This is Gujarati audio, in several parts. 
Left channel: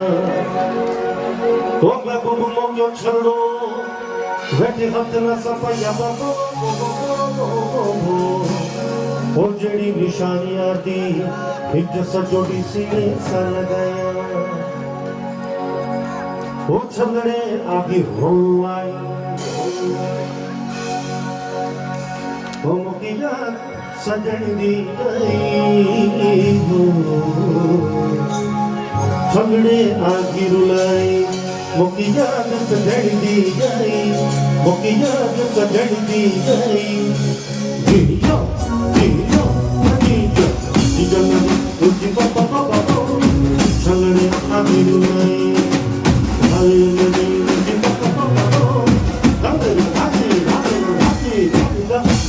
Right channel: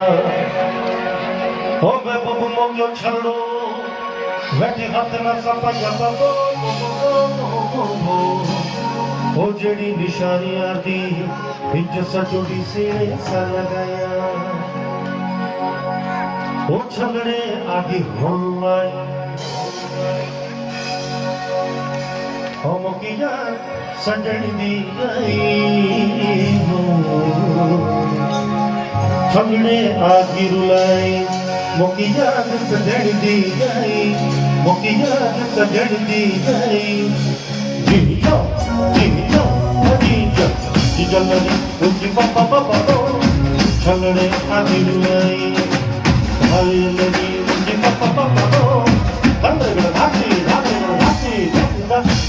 Ove bobu mogyo chalo, veti hatna sapaya babo. O jedi nishani aadi, hijsa jodi sine sa lagaya. O chalne aadi rollai. O mokiya sajani di gai. हमने आगी रुलाई मुकी याद सजन दी गई मुकी याद सजन दी गई जिया जिया जिया जिया लगी उनकी पापा पापा हमने आगी रुलाई भाई लगी उनकी पापा पापा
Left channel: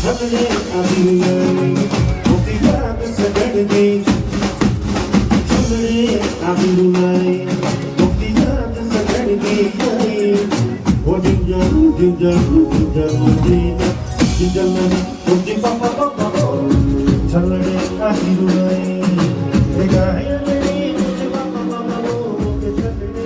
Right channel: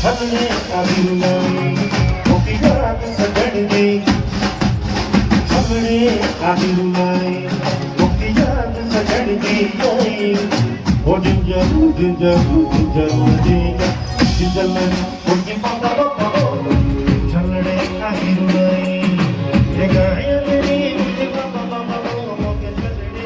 हमने आगी रुलाई मुकी याद सजन दी आगी रुलाई मुक्ति याद सजन दी गई ओ ginger ginger ginger ginger ginger में उनके पापा पापा चलने आगी रुलाई ये गाय मेरी उनके पापा पापा के चलने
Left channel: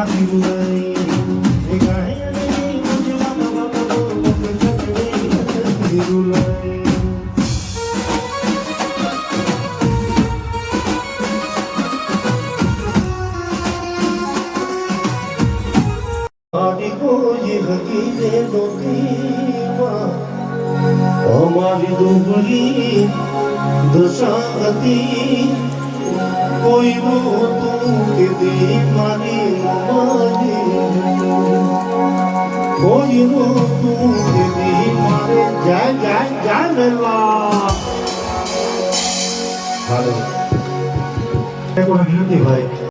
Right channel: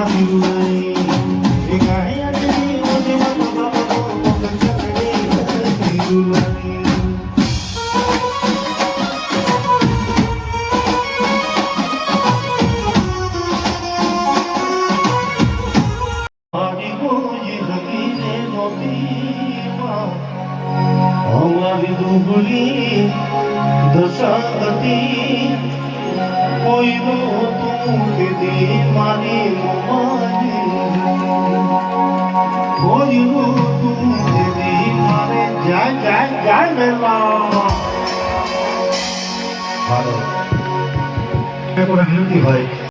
आगी रुलाई हमारी दुबली दुशाती कोई वो तू दीदी मानी मानी कोई वो तू दीदी मारे जान जान जान मेला भाई देखो हिंदी भाई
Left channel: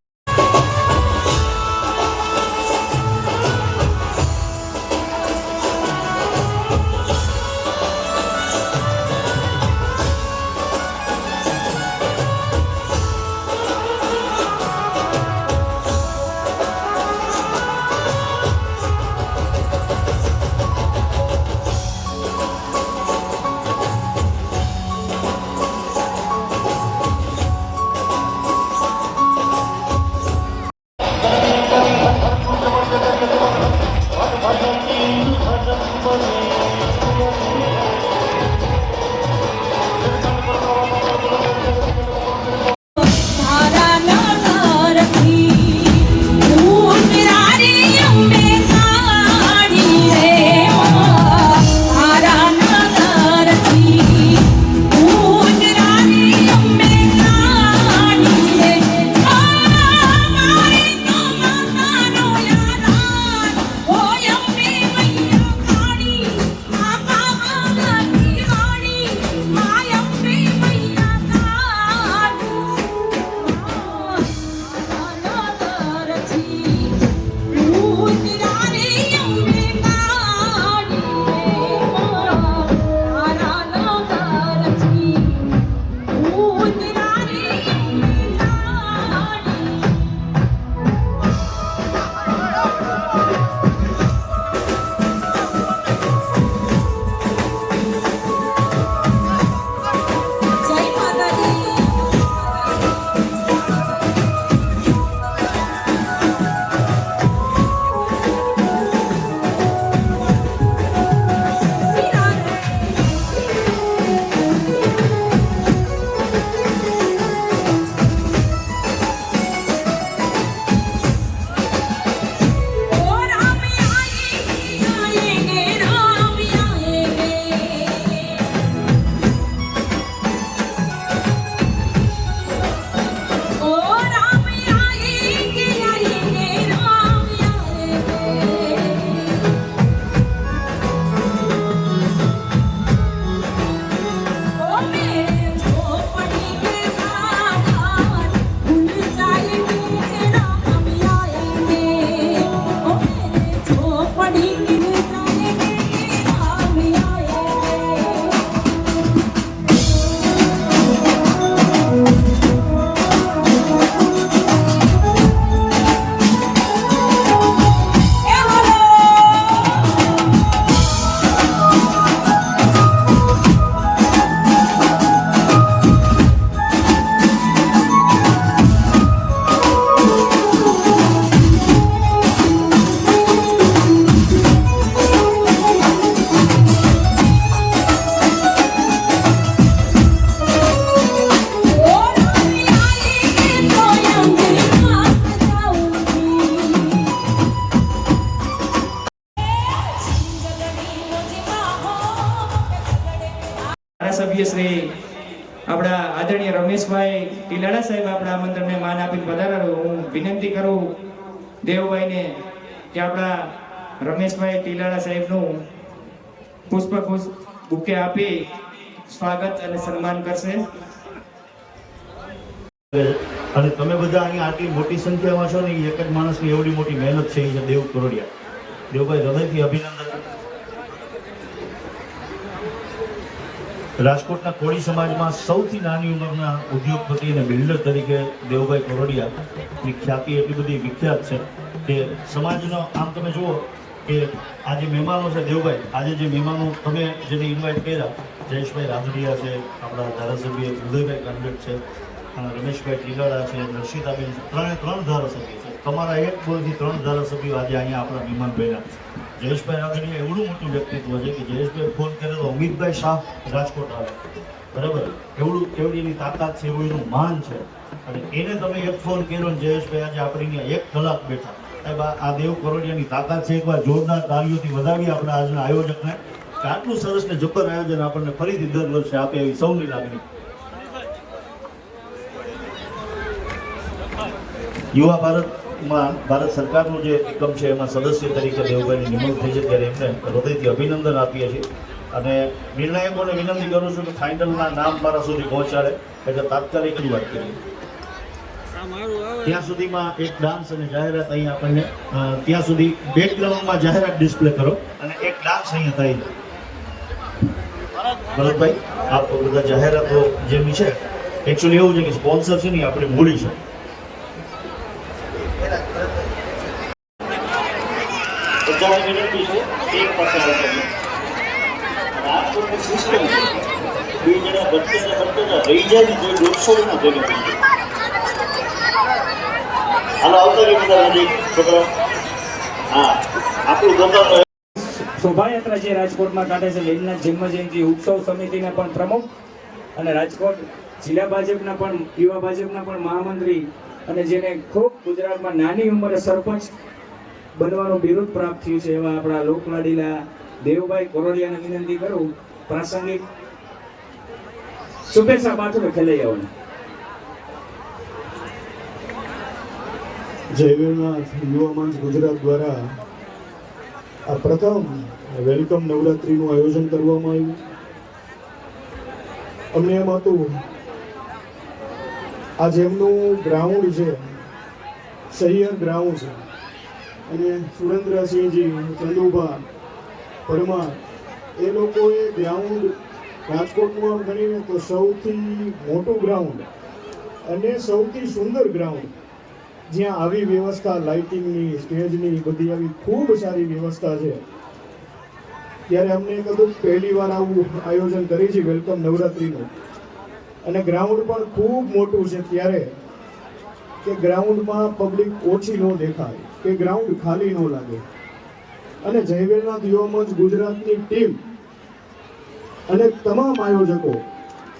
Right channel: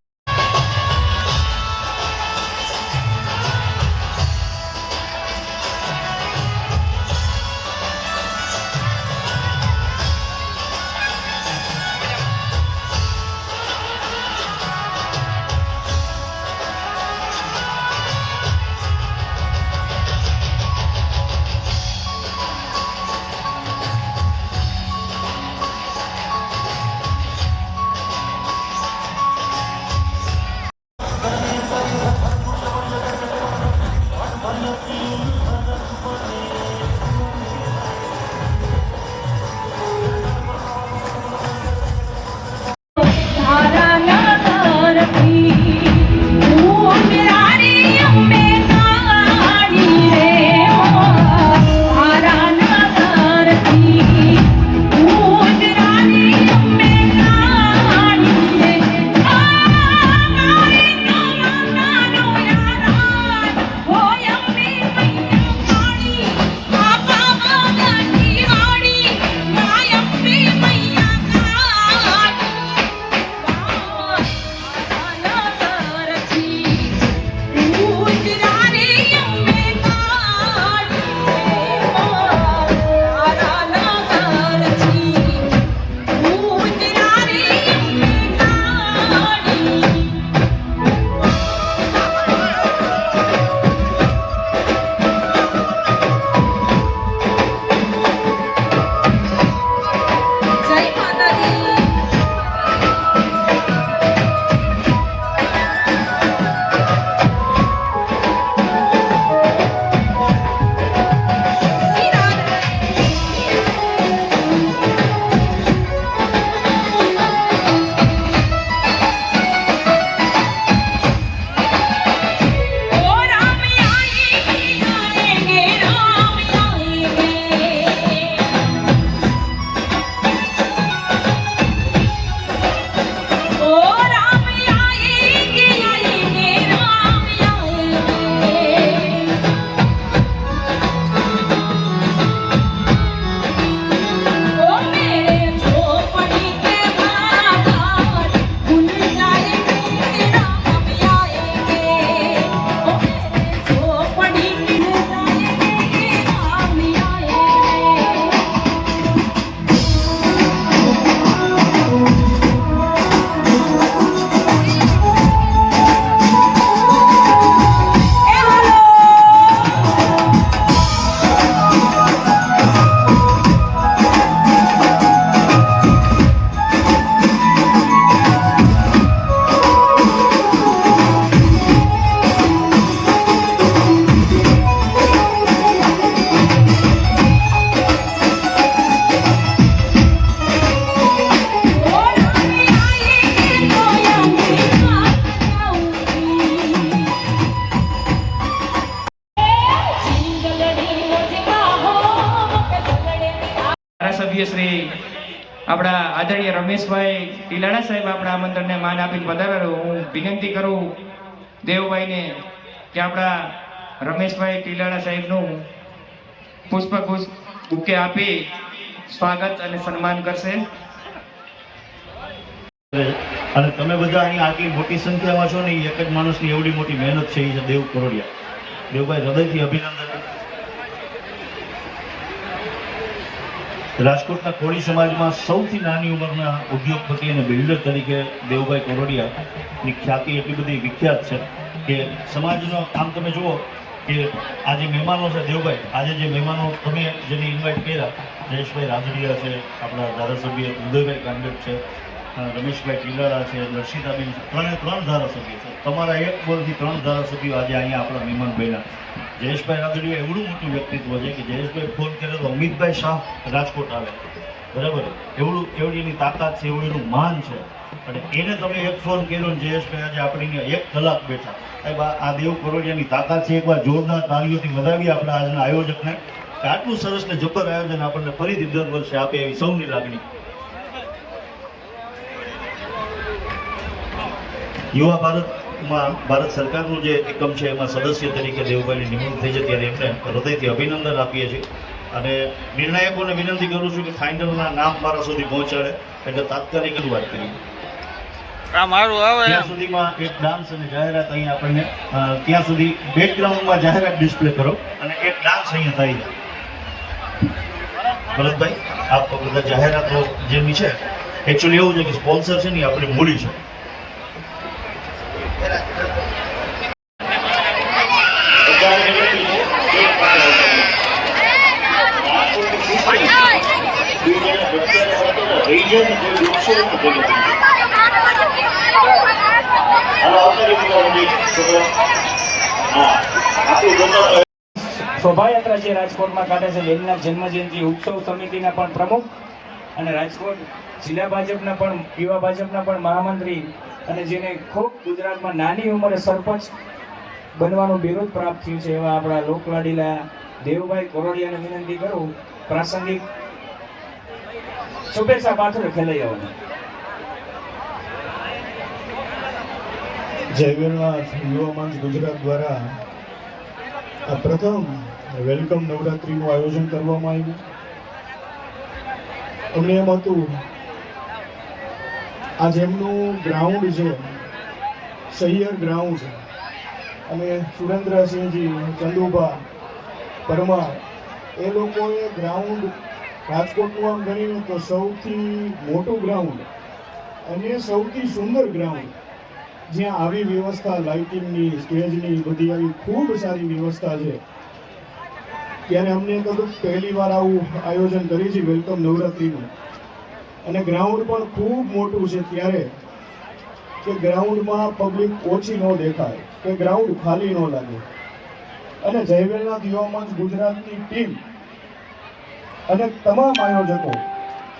ધારાસભ્ય શ્રી આપણા આદરણીય રમેશભાઈ ટીલાડા સાહેબ આપણા આમંત્રણને માન આપીને પધારેલો. હું વિનંતી કરું દેવભાઈને કે આપણા રમેશભાઈ ટીલાડા સાહેબનું પુષ્પગુચ્છ બુકે આપી સ્વાગત અને સન્માન કરશે. અને તમે બધા અહીંયા આટલી મોટી સંખ્યામાં છો ને, એક જ માણસની એવડી મોટી મહેનત છે, એ છે દેવ કરોડિયા. દેવભાઈ, હૃદયથી અભિનંદન. રાજકોટના કોળી સમાજમાં સૌથી નાની ઉંમરના ઉદ્યોગપતિ અને બિલ્ડર તરીકે દેવભાઈ કરોડિયાની ખ્યાતિ એટલી બધી વિખ્યાત છે કે સમાજનો આમ તમે જુઓ કે આ જે મહેમાનો છે દેવભાઈ, આજે જે મહેમાનો તમે જેને ઇન્વાઇટ કર્યા, જયેશભાઈ રાંધડિયા છે, આપણા ધારાસભ્ય ઉદયભાઈ કાંડેપ છે, રમેશભાઈ ટીલાડા છે, દર્શિતાબેન છે, ત્રણ ધારાસભ્ય છે. તમારા એક બોલથી 3 ધારાસભ્યો આજે અહીંયા આપણા મહેમાન બન્યા. જયેશભાઈ રાંધડિયા એવડું મોટું વ્યક્તિત્વ છે કે જયેશભાઈ ફોન કરે તો અમિતભાઈ શાહ રાજકોટ આવે, બરાબર? એવડી એની તાકાત છે, એવું એનું માન છે. અને એને તમે એક ફોન કર્યો ને જયેશભાઈ આજે આપણી 1 કલાક બેઠા. આ દેવ કરોડિયાની તાકાત છે. એકવાર જોરદાર તાળીઓથી વધાવીએ આપણા આજના આયોજકને કે આટલું સરસ ને જબર આયોજન આપણને ફરીથી દર વર્ષે આપે એવી સૌની લાગણી. યુવા ભારતમાં ભારત સરકારનું જે એકમ છે એમાં સદસ્ય તરીકે દેવભાઈની નિમણૂક થઈ છે, ત્યારે એમને હૃદયથી અભિનંદન આપીએ છીએ. અને નિર્ણાયકોને વિનંતી કરું છું કે ફાઇનલના નામ મારા સુધી પહોંચાડે, એટલે તાત્કાલિક જ વાત કરીએ. ત્યાં સુધીમાં એક ડાન્સ અને જાહેરાત અહીંયા આપણને ત્યાં સુધી બેકગ્રાઉન્ડમાં જાહેરાત ડિસ્પ્લે કરો અને એક ડાન્સ અહીંયા થઈ જાય. ભરતભાઈ, આપ બધા જાહેરાતો જેની છે એકચ્યુઅલી એવું છે કે સ્પોન્સર છે ને આપણી મૂડી છે. શોભાયાત્રા જે રાજકોટમાં કાઢે છે, વેલનાથ જન્મજયંતિ ઉત્સવ સમિતિના પણ પ્રમુખ અને રાજકોટ જિલ્લા ભાજપના પણ યુવા ભાજપના પણ મહામંત્રી, અને જેને ખૂબ ગુજરાતમાં નાની ઉંમરે સરપંચ બનવાનું બિરુદ પ્રાપ્ત થયું છે એવા આપણા લોકલાડીલા દેવભાઈ કરોડિયાને વિનંતી કરું પ્રાસંગિક શુભેચ્છા પાઠવે ખેલૈયાઓને. જય વેલનાથ યુવા મંચ ગુજરાત દ્વારા આ પ્રથમ વેલકમ નવરાત્રીનું આયોજન કરવામાં આવ્યું. અમને એમ હતું આ જેમનું ગ્રાઉન્ડ છે સહિયર ગ્રાઉન્ડ, અને સુરેન્દ્રસિંહજી ચંદુભા પરમાર એ લોકોએ ગ્રાઉન્ડ રાજકોટનું આમ ગણીને તો સૌથી મોટું ગ્રાઉન્ડ અને સૌથી સુંદર ગ્રાઉન્ડ, જ્યાં આવી વ્યવસ્થા લાઇટિંગની, સ્ટેજની બધી આવી ખૂબ સારી વ્યવસ્થા છે. ત્યારે અમને કદું પહેલી વાર આવું આયોજન કરી છે વેલકમ નવરાત્રીનું, અને ગ્રાઉન્ડ પણ ખૂબ મોટું છે. ત્યારે કે ગ્રાઉન્ડમાં પબ્લિક ઓછી ન દેખાય, કે ગ્રાઉન્ડ ખાલી ન લાગે. અને જય વેલનાથ યુવા મંચ ગુજરાતની ટીમ અને તમામ આયોજકો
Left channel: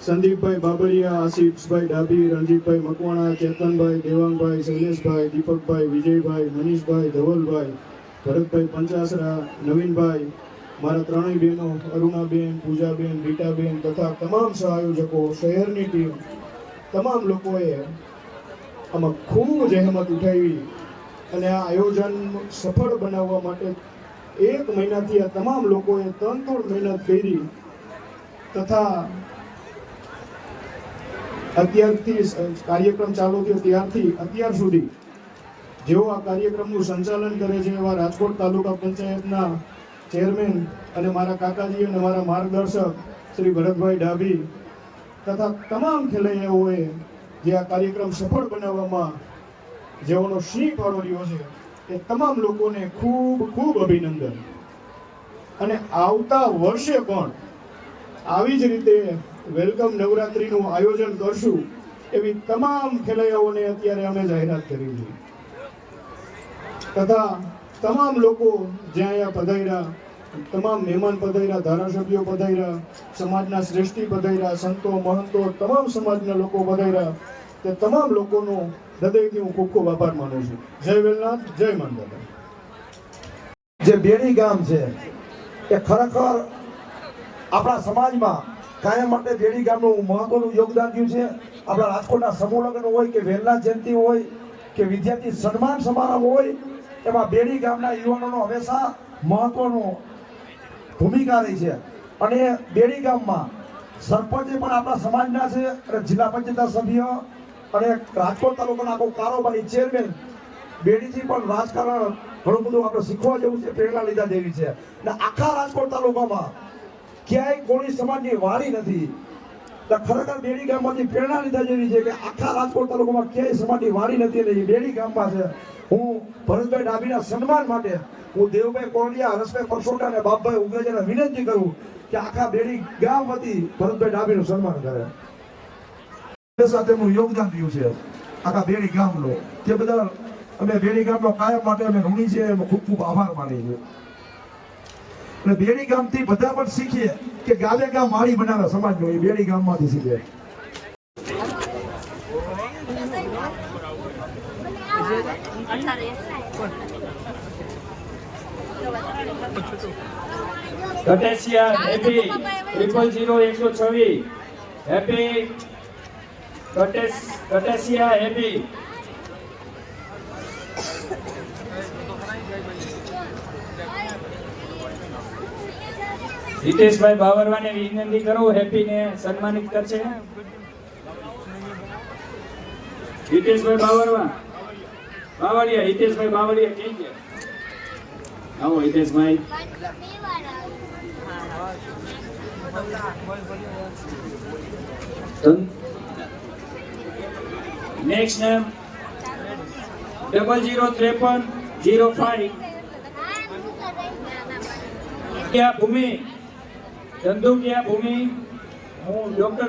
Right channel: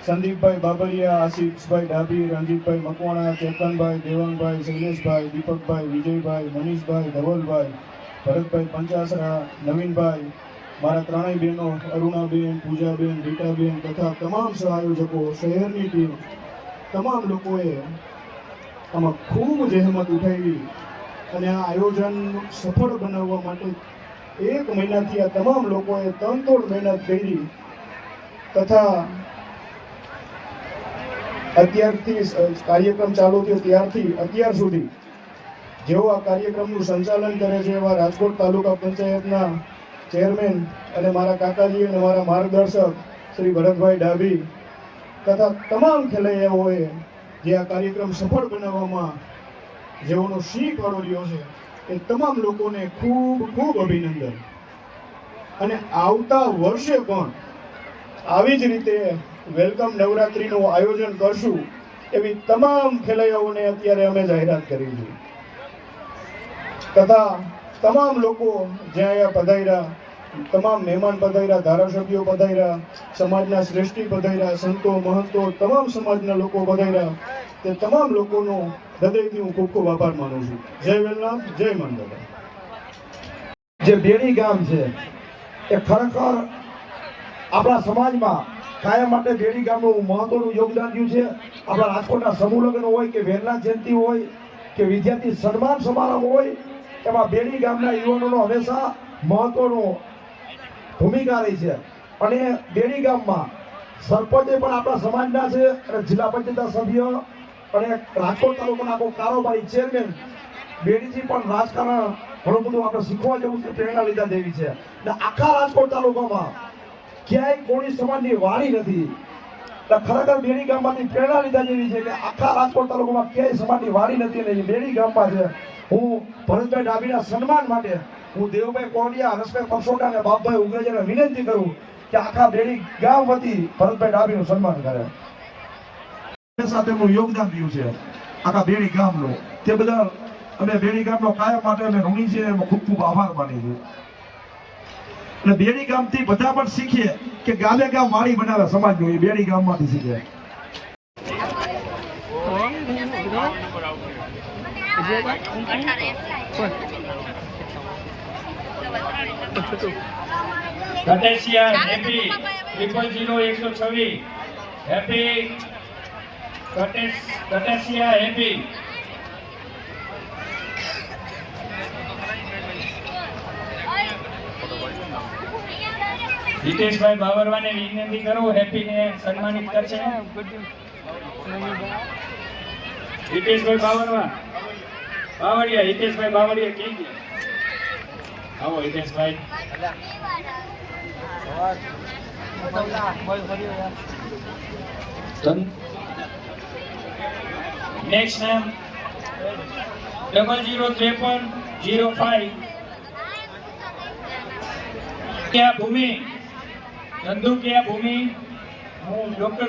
સંદીપભાઈ બાબરિયા, આશિષભાઈ ડાભી, રણજીતભાઈ મકવાણા, ચેતનભાઈ, દેવાંગભાઈ, શૈલેષભાઈ, દીપકભાઈ, વિજયભાઈ, મનીષભાઈ, ધવલભાઈ, ભરતભાઈ પંચાસરા, નવીનભાઈ, મારા 3 બહેનો અરુણાબેન, પૂજાબેન, રીટાબેન તથા તમામ સહઆયોજકો, શહેરની ટીમ, તમામ લોકોએ આમાં ખૂબ જહેમત ઉઠાવી અને આ આયોજન સફળ બનાવવા માટે 1 મહિનાથી આ તમામ લોકોએ તનતોડ મહેનત કરી. તથા અત્યારથી કાર્યક્રમ ચાલુ થયો ત્યારથી અત્યાર સુધી જેઓ આ કાર્યક્રમનું સંચાલન કરે છે એવા રાજકોટ તાલુકા પંચાયતના ચેરમેન અને મારા કાકાજી અને મારા માર્ગદર્શક શ્રી ભરતભાઈ ડાભી તથા તમામ ખેલૈયાઓએ જે આ કાર્યક્રમ સફળ બનાવવામાં જેઓનો સિંહ ફાળો રહ્યો છે એ તમામ લોકોને ખૂબ ખૂબ અભિનંદન. અને આવતા વર્ષે પણ આવી જ રીતે વેલકમ નવરાત્રીનું આયોજન કરશું એવી તમામ ખેલૈયાઓને અત્યારે અમે જાહેરાત કરી છે. તથા તમામ લોકો જ્યાં અહીંયા પધાર્યા, તમામ મહેમાન પધાર્યા, ધારાસભ્યો પધાર્યા, સમાજના શ્રેષ્ઠી પધાર્યા, સંતો મહંતો તમામ સમાજના લોકો પધાર્યા, તે તમામ લોકોનો હૃદયથી હું ખૂબ ખૂબ આભાર માનું છું. જય વેલનાથ, જય મંડળ. જે બેડી ગામ છે એ ખરેખર આપણા સમાજમાં કાયમ માટે બેડી ગામનું મહત્વનું યોગદાન રહ્યું છે. આપણા રાજકોટના સમૂહ લગ્ન હોય કે વેલના જયંતિ હોય કે વિદ્યાર્થી સન્માન સમારંભ હોય, એમાં બેડી ગામના યુવાનોનો હંમેશા મહત્વનું ભૂમિકા રહી છે. અને બેડી ગામમાં સરપંચે પણ આપણા સમાજના છે અને જિલ્લા પંચાયતના સભ્ય અને રાજકોટ તાલુકાના આખો કારોબારી ચેરમેન બેડીથી પણ રાજકારણ ઘણું બધું આપણે શીખવા જેવું છે, પ્રેરણા લીધા જેવી છે. અને આખા રાજકોટ તાલુકામાં ક્યાંય કોળી સમાજની વાડી નથી. ખરેખર બેડી ગામમાંથી પ્રેરણા લીધા જેવી છે કે આખા રાજકોટ તાલુકામાં ક્યાંય સમાજની વાડી નથી અને એ બેડી ગામમાં છે. હું ભરતભાઈ ડાભીના સન્માન માટે હું દેવભાઈ કોરડિયા, હર્ષભાઈ પરસોડા અને બાપભાઈ ઉગરેજાને વિનંતી કરું કે આખા બેડી ગામ વતી ભરતભાઈ ડાભીનું સન્માન કરે. તેમનું યોગદાન રહ્યું છે આખા બેડી ગામનું. તે બદલ અમે બેડી ગામનો કાયમ માટે અમે ઋણી છે, એનો ખૂબ ખૂબ આભાર માનીએ છીએ. અને બેડી ગામથી બધા પણ શીખીએ કે ગામે ગામ વાડી બનાવે સમાજનું, એ બેડી ગામમાંથી શીખે. કટેશિયા હેપી 000126 હેપી કટેશિયા હેપી. હિતેશભાઈ બાવરવાને વિનંતી કરું, હેપીને સન્માનિત કરશે. હિતેશભાઈ બાવરવા, બાવળિયા, હિતેશભાઈ બાવળિયા કઈ ગયા? આવો હિતેશભાઈ. નેક્સ્ટ નેમ 005305 ક્યાં ભૂમિ ધંધુકિયા ભૂમિ. હું ડોક્ટર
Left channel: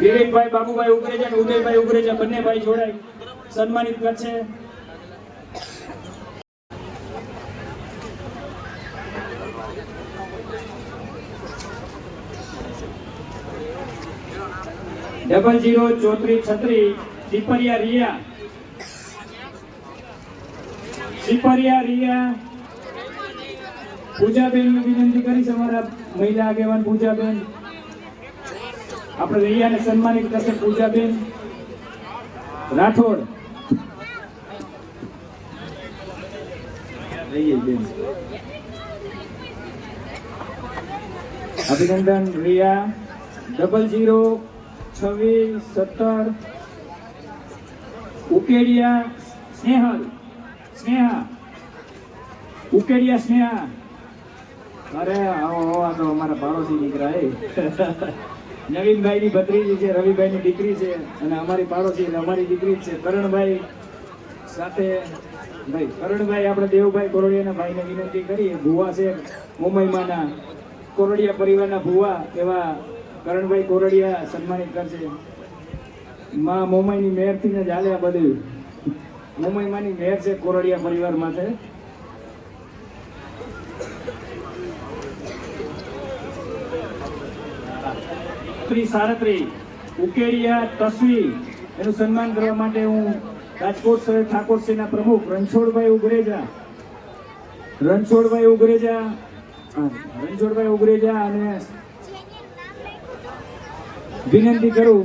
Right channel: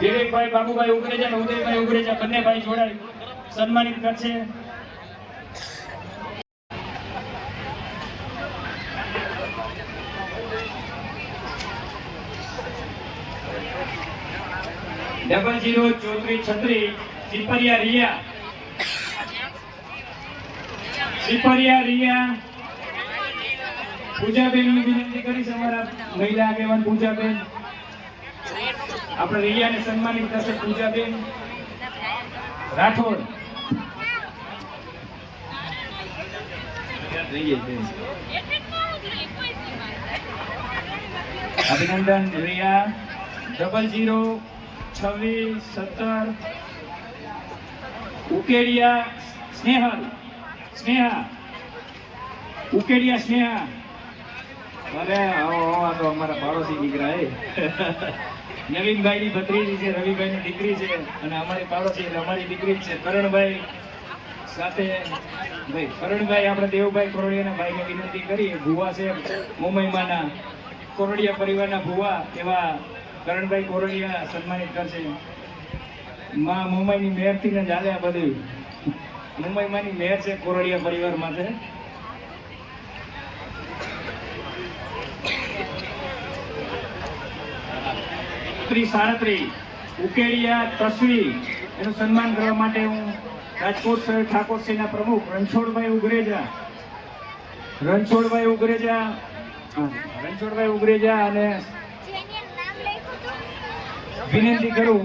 વિવેકભાઈ બાબુભાઈ ઉગરેજા અને ઉદયભાઈ ઉગરેજા બંને ભાઈ જોડાય સન્માનિત કરશે. ડબલ 03436 સિપરિયા રિયા, સિપરિયા રિયા. પૂજાબેન વિનંતી કરીશ, અમારા મહિલા આગેવાન પૂજાબેન. આપણે રિયાને સન્માનિત કરશે પૂજાબેન રાઠોડ. અભિનંદન રિયા. 002617 ઉકેડિયા સ્નેહલ, સ્નેહા ઉકેડિયા સ્નેહા. અરે આ તો અમારા પાડોશી દીકરા નવીનભાઈ ની ભત્રીજી છે, રવિભાઈ ની દીકરી છે અને અમારી પાડોશી અમારી દીકરી છે કરણભાઈ સાથે. ભાઈ કરણભાઈ આપણે દેવભાઈ કોરડિયાના ભાઈને વિનંતી કરી, ભુવા છે મુંબઈમાંના કોરડિયા પરિવારના ભુવા એવા કરણભાઈ કોરડિયા સન્માનિત કરશે. માં મુંબઈની મેયરથી ને ચાલે આ બધું. મુંબઈમાંની મેયર છે કોરડિયા પરિવારમાં છે. સાડત્રીસ ઉકેડિયા તસ્વી, એનું સન્માન કરવા માટે હું રાજકોટ શહેર ઠાકોર સેના પ્રમુખ રણછોડભાઈ ઉગરેજા અને વિનંતી કરું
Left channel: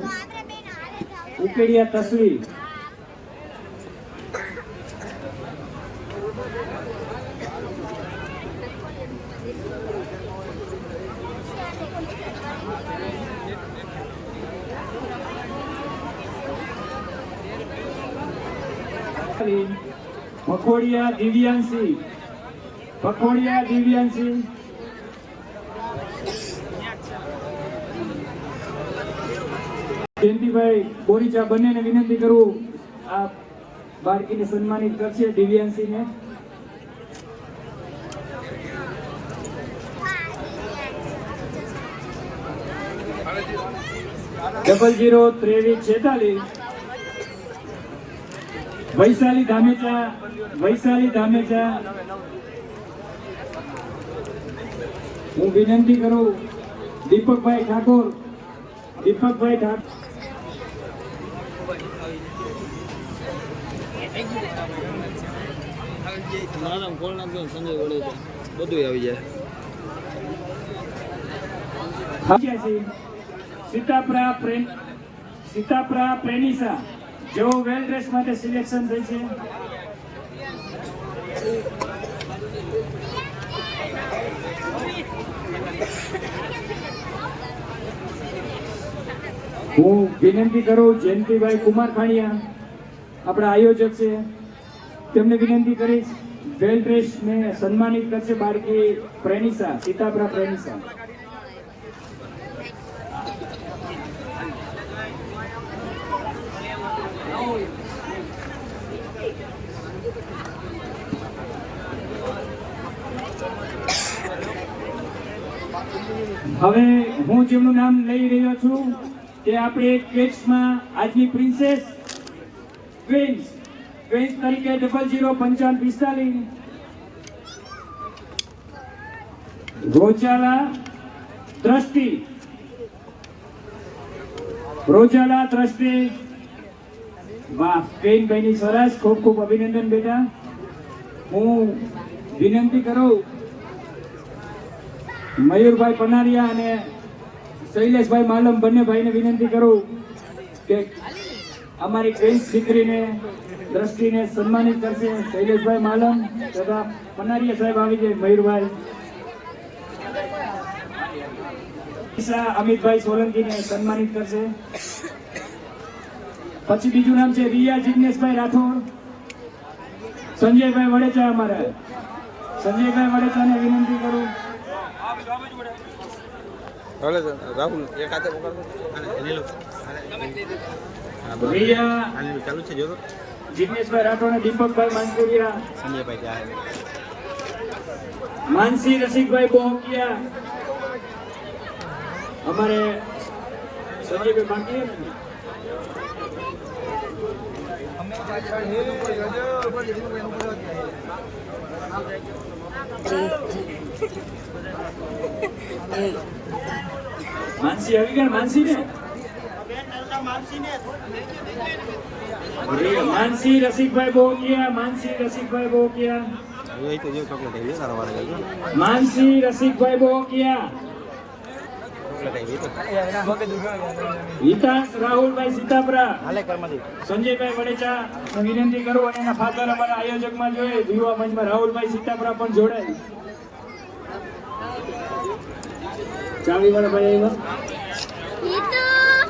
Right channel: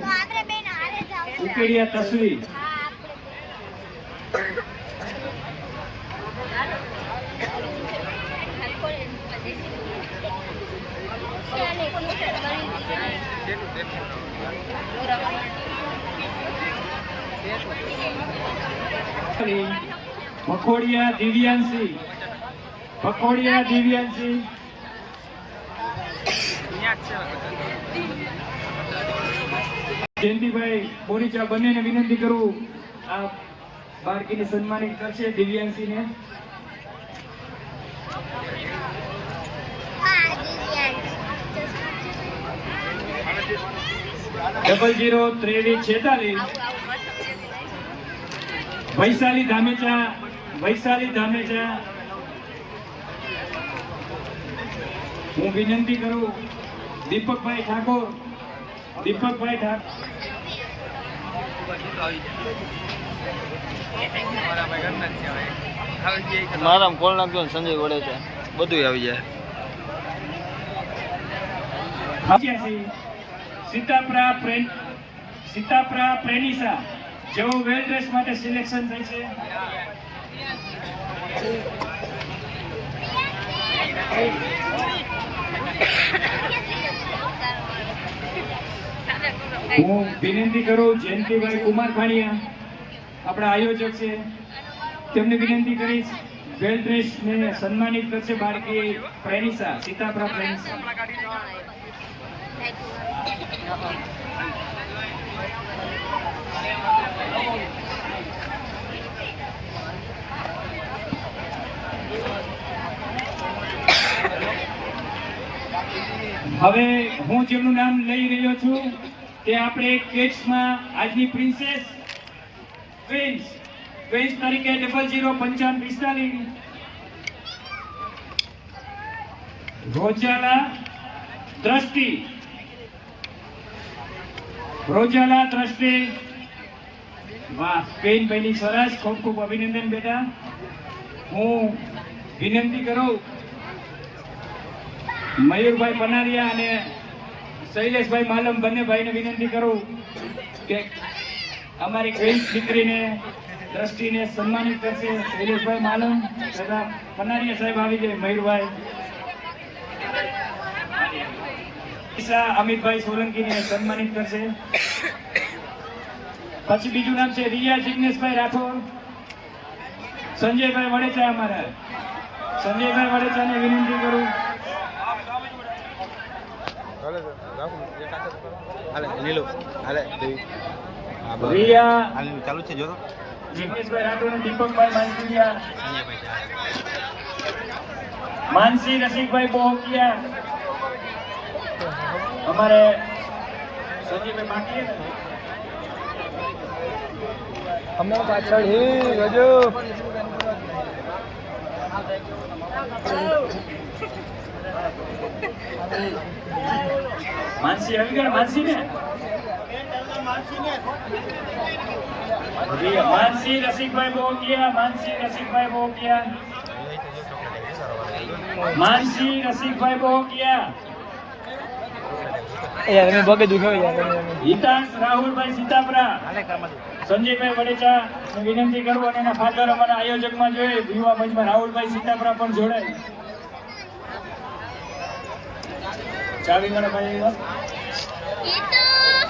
ઉકેડિયા તસ્વી. પખોડિયા દિવ્યાંશી, પખોડિયા દિવ્યાંશી. જયંતિભાઈ બોરીચા બંનેને વિનંતી કરું, આ બાળકીને સન્માનિત કરશે દિવ્યાંશીને. ડબલ 02346 વૈશાલી ધામેચા, વૈશાલી ધામેચા. હું વિનંતી કરું દીપકભાઈ ઠાકોર, દીપકભાઈ ઠાકોર. મારા કોલ નાખજો ને સંજય વડે છે, બધું આવી જાય. સીતાપરા પ્રેનિસા જેઓ વેલ ડ્રેસ માટે સિલેક્શન થઈ છે. હું વિનંતી કરું જયંતિભાઈ કુમાર ખાણીયા આપણા આયોજક છે, તેમને વિનંતી કરીશ વેલ ડ્રેસ ને સન્માનિત કરશે બાળકી પ્રેનિસા, સીતાપરા પ્રેનિસા. હવે હું જેમનું નામ લઈ રહ્યો છું તે આપણે કિડ્સમાં આજની પ્રિન્સેસ ક્વીન્સ તરીકે 005545 રોજાલા દ્રષ્ટિ. વાહ, ક્વીન બની, સરસ, ખૂબ ખૂબ અભિનંદન બેટા. હું વિનંતી કરું મયુરભાઈ પનારિયા અને શૈલેષભાઈ માલમ બંને ભાઈને વિનંતી કરું કે અમારી ક્વીન દીકરીને દ્રષ્ટિને સન્માનિત કરશે. શૈલેષભાઈ માલમ તથા પનારિયા સાહેબ આવી જાય. મયુરભાઈ, અમિતભાઈ સોલંકીને સન્માનિત કરશે. પછી બીજું નામ છે રિયા જિગ્નેશભાઈ રાઠોડ. સંજયભાઈ વડેચા, અમારા સંજયભાઈ વડેચાને વિનંતી કરું. ચાલુ છે જો જિગ્નેશભાઈ રાઠોડ અને દીપકભાઈ માંજુરિયા, માનસી રસિકભાઈ બોહકિયા, અમારે સંજયભાઈ બાકી માનસી આવી ગયા. માનસી રસિકભાઈ બોહકિયા, માનસી રસિકભાઈ બોહકિયા, હિતાંશ રાહુલભાઈ સીતાપરા, સંજયભાઈ વડેચા વિનંતી કરું અને એના ફાધર અમારા આયોજકમાં જોઈએ યુવા મંચમાં રાહુલભાઈ સીતાપરા પણ જોડાય. ચાવી વાળા ભાઈ એવા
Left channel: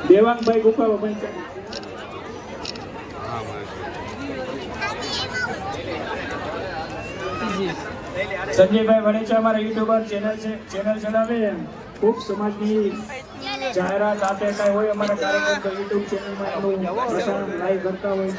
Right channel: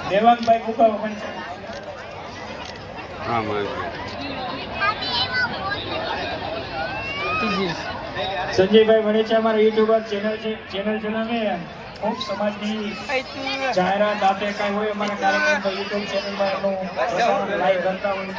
દેવાંગભાઈ ગુકાવા પણ સંજયભાઈ વડેચા અમારા યુટ્યુબર ચેનલ જણાવે ખૂબ સમાજની જાહેરાત બાતે કાંઈ હોય અમારા કાર્યક્રમ પર યુટ્યુબ ચેનલમાં એનું લાઈવ કરતા હોય.